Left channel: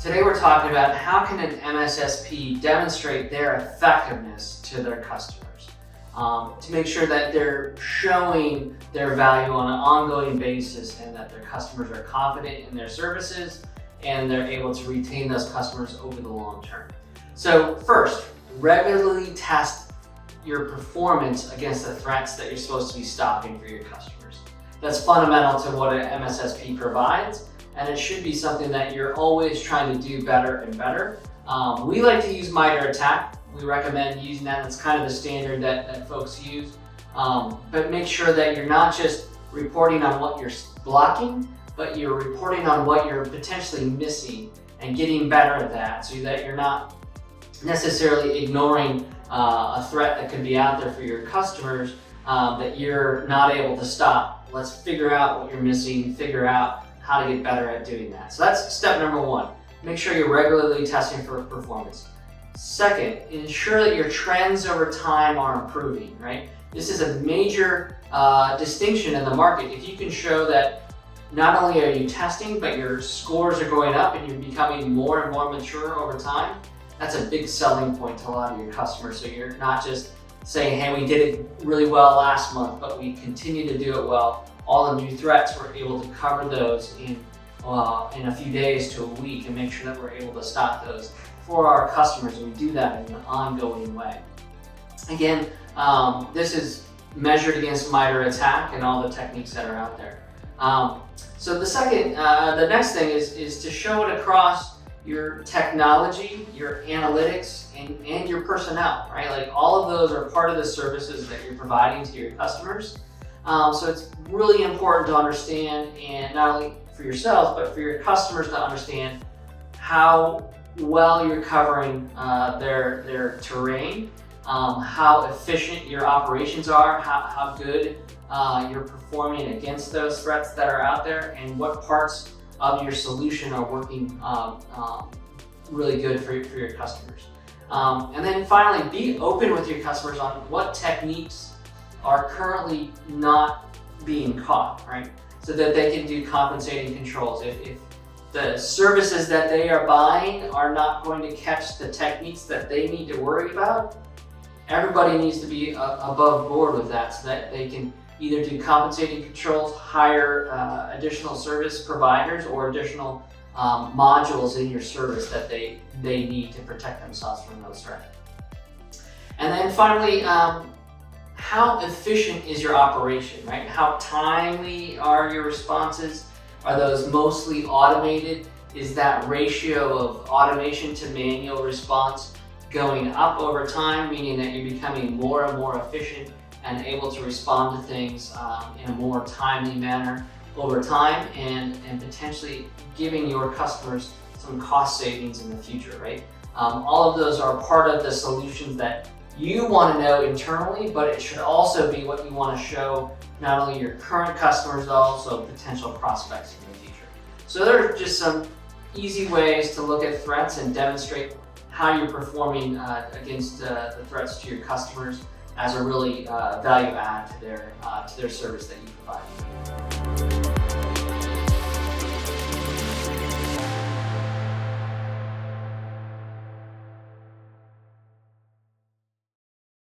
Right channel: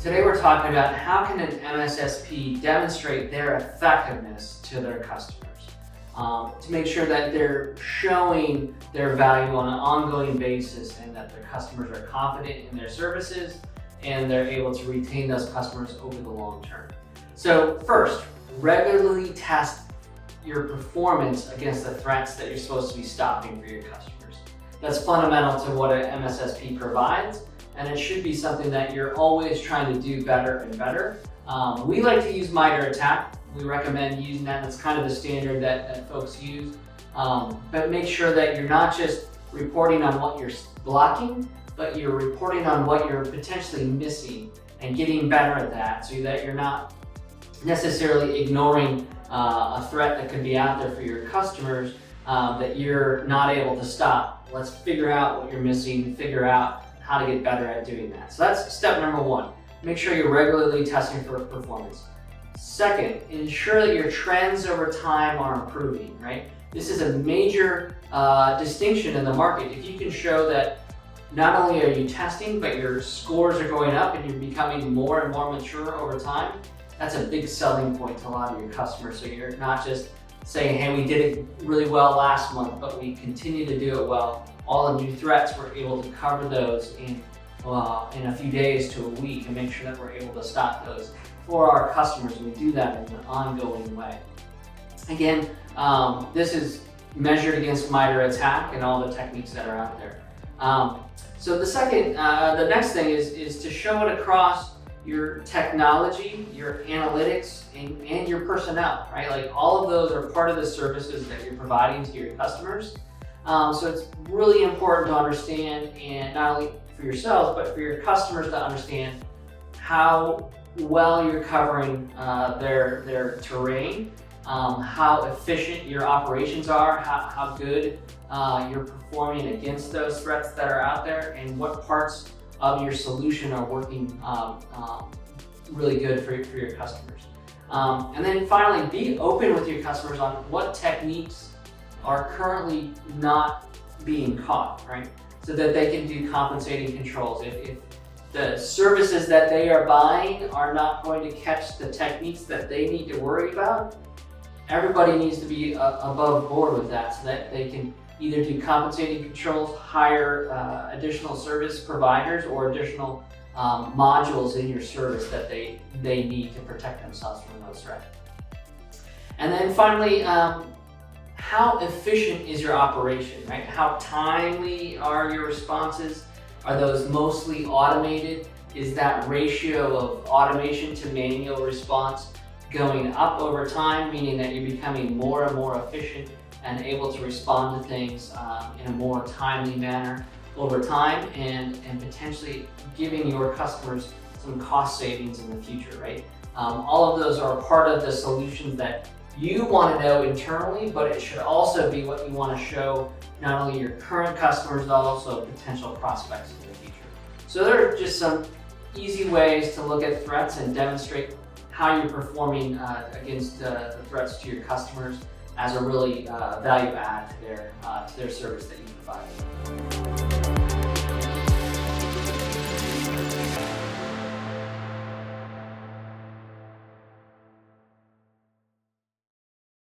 Today we're talking about how can an MSSP demonstrate their effectiveness to their customers to make sure that they're showing their value on an ongoing basis and that their customers are confident in their services and they're able to retain those customers over the long term. So first, regularly test your performance against the threats that you're supposed to be stopping for your customers. That's fundamental to what an MSSP provides, and it should be something that you're always trying to do better and better. We like to use MITRE ATT&CK. We recommend using that. It's kind of the standard that folks use. But make sure that you're not just reporting on what you're blocking, but you're reporting on what you're potentially missing and getting better at that so that you're not necessarily ignoring a threat that could be out there for your customers that you're not able to stop. Let's figure out what you're missing, figure out how to get better at doing that. So that's step number one. Make sure you're regularly testing for performance. Second, ensure that your trends over time are improving, right? This is a major distinction in the market. If you can show that not only are you testing, but your scores are going up and you're becoming more and more mature over time, that's a big selling point to a lot of your customers. So you're not just saying, hey, we did it really well last month, but we continue to do it well. All the new threats, we're able to cover those in a few days to a week and make sure that we're able to stop those for our customers, and we do that in an ongoing way. Again, this is measured against MITRE ATT&CK and all the techniques that are out there. So the next thing is to show it across your technology, your analytics, and your personnel, right? Like all of those are part of the services that you're providing to your customers. So it's really important to understand, and not only for yourselves, but for your customers to understand how well you're covering their terrain, how efficient your operations are, how good you're performing against those threats that are out there, and what parts of your solution are working really good for your customers. And then finally, be open with your customers on what techniques are currently not being caught, right? So that they can do compensating controls. If the services that they are buying are not going to catch the techniques that they need to worry about, everybody needs to be above board with that so that they can either do compensating controls, hire additional service providers or additional modules in your service that they need to protect themselves from those threats. And then finally, how efficient is your operation, right? How timely are your responses? Are those mostly automated? Is that ratio of automation to manual response going up over time, meaning that you're becoming more and more efficient and able to respond to things in a more timely manner over time, and potentially giving your customers some cost savings in the future, right? All of those are part of the solutions that you want to know internally, but it should also be what you want to show not only your current customers, but also potential prospects in the future. So there are just some easy ways to look at threats and demonstrate how you're performing against the threats to your customers as a really value add to their service that you provide.